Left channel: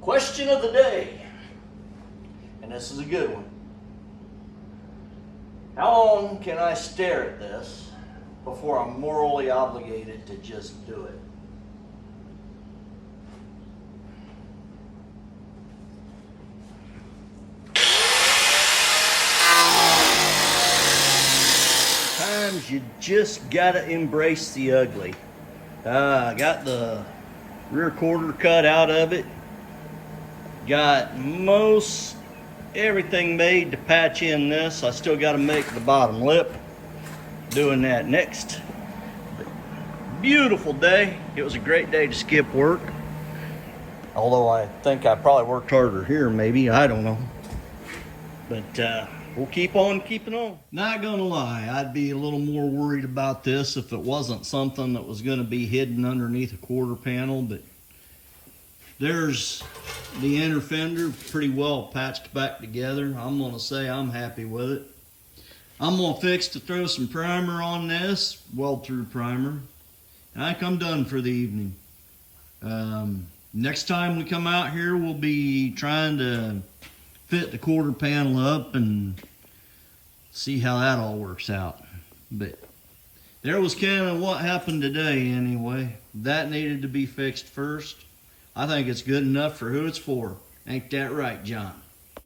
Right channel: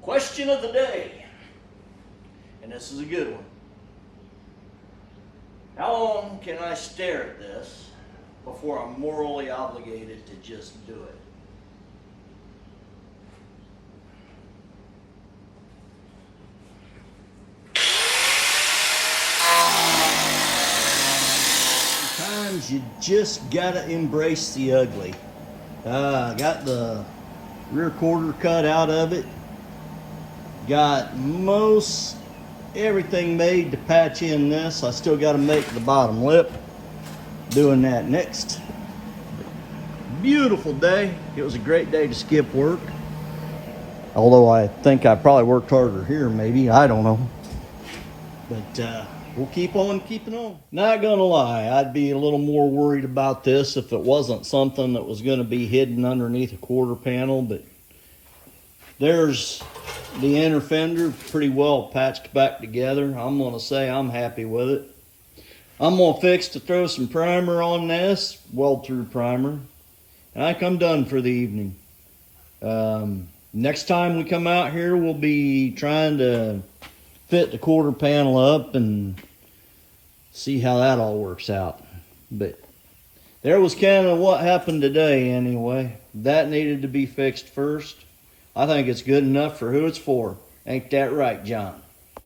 Question of the day, and this is a good one. How long can I stare at this before I'm morally obligated to just do it? Sometimes you just gotta embrace the ugly. I got the rear quarter cut out of it. Got most everything made to patch in this. I still got to make the bottom lip. Doing that next. But beautiful day. It was a great day to skip work. Although I think I probably worked harder here, maybe. I don't know. But we'll keep on keeping on. Not gonna lie, I'd be a little more worried about this if it wasn't something that was gonna be hidden underneath a quarter panel, but there's the inner fender pretty well patched back together. I'm gonna say I'm happy with it. I'm gonna fix to throw some primer on this, weld through primer, and I think I'm done for the evening. Next time we come out here, we'll be trying to fit the quarter panel up and see how that all works out. But there was kind of what happened today anyway. That needed to be fixed first. I think it's good enough for who it's for. Ain't that right, John?